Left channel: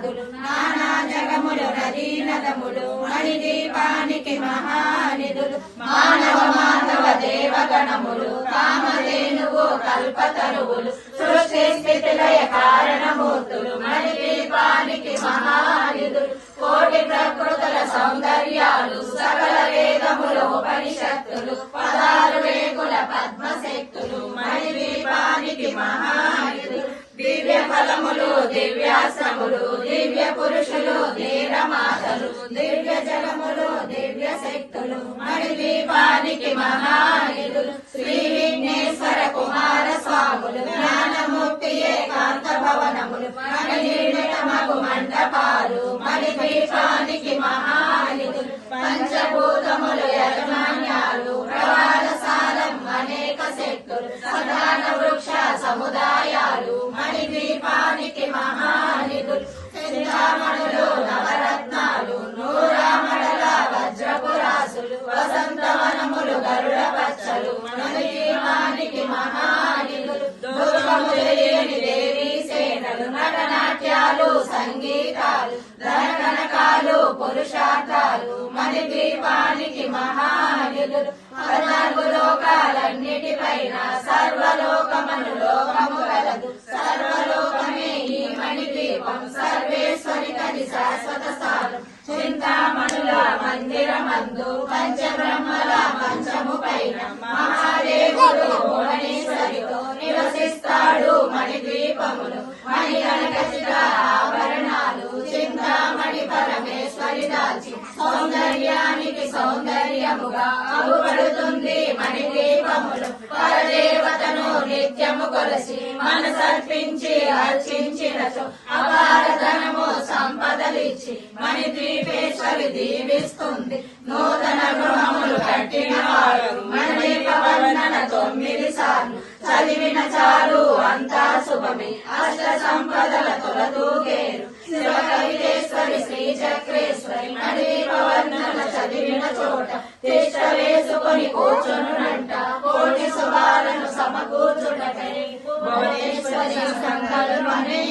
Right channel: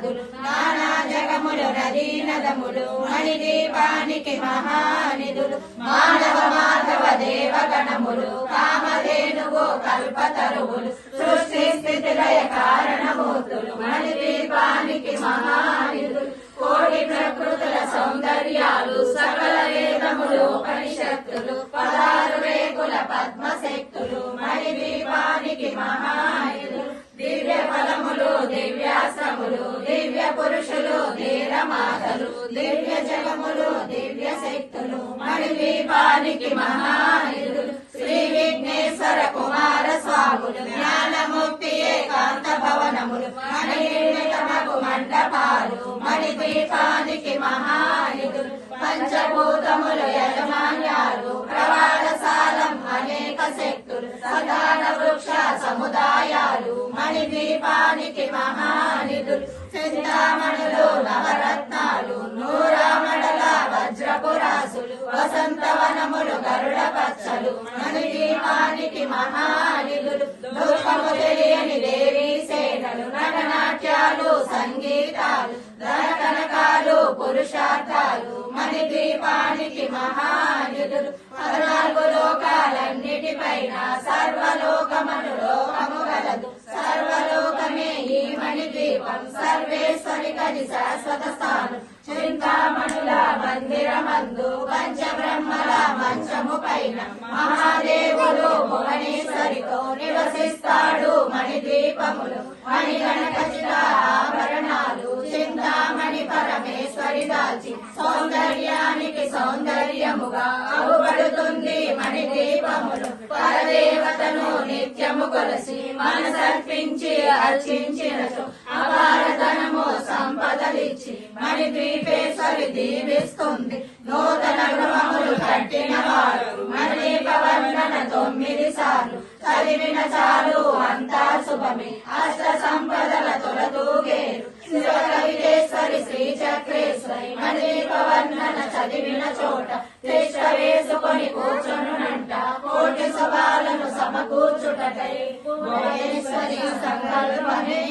పునాదులు నానా జగములు నదీ నదములు మణిదీపానికి మహానిధులు మానవ మాధవ దేవగణములు కామధేనువు కల్పతరువులు సృష్టి స్థితి లయ కారణమూర్తులు మణిదీపానికి మహానిధులు కోటి ప్రకృతుల సౌందర్యాలు సకల వేదములు ఉపనిషత్తులు పదాలు వేకుల పద్మశక్తులు మణిదీపానికి మహానిధులు దివ్య ఫలములు దివ్యాశ్రములు దివ్య పురుషులు ధీరమాతలు దివ్య జగములు దివ్య శక్తులు మణిదీపానికి మహానిధులు శ్రీ విఘ్నేశ్వర కుమార స్వాములు జ్ఞానముక్తి ఏకాంత భవనములు మణిమకు మండపాలు మణిదీపానికి మహానిధులు పంచభూతములు యజమాన్యాలు ప్రవాదశాలం అనేక శక్తులు సదాన వృక్ష సముదాయాలు మణిదీపానికి మహానిధులు చింతామణులు నవరత్నాలు నూరామడల వజ్రపురాసులు వసంతవనములు గరుడ పచ్చలు మణిదీపానికి మహానిధులు దుర్గములు లేని దేవీ సేనలు నటనాట్యాలు సంగీతాలు ధనకనకాలు పురుషార్థాలు మణిదీపానికి మహానిధులు 14 లోకాలన్నిటిపైన సర్వలోకమను లోకము గలదు సర్వలోకమే ఈ మణిదీపం సర్వేశ్వరి కది శాశ్వత స్థానం చింతామణుల మందిరమందు పంచబ్రహ్మల మంచము పైన మహాదేవుడు భువనేశ్వరితో నివసిస్తాడు మణిదీపములు మణిగణకచిత ఆభరణాలు చింతామణి పరమేశ్వరి దాచి సౌందర్యానికి సౌందర్యముగా అగుపడుతుంది మణిదీపములు పరదేవతను నిత్యము కొలసి మనసర్పించి అర్చించినచో అపారధనము సంపదలిచ్చి మణిద్వీపేశ్వరి దీవిస్తుంది నూతన గృహములు కట్టిన వారు మణిదీపవందన 9 సార్లు చదివిన చాలు అంతా శుభమే అష్ట సంపదల తొలతూగేరు శివకవితేశ్వరి శ్రీ చక్రేశ్వరి మణిదీపవందన చదివిన చోట తిష్ట వేసుకొని కూర్చునునంట కోటి శుభాలను సమకూర్చుటకై భువనేశ్వరి సంకల్పమే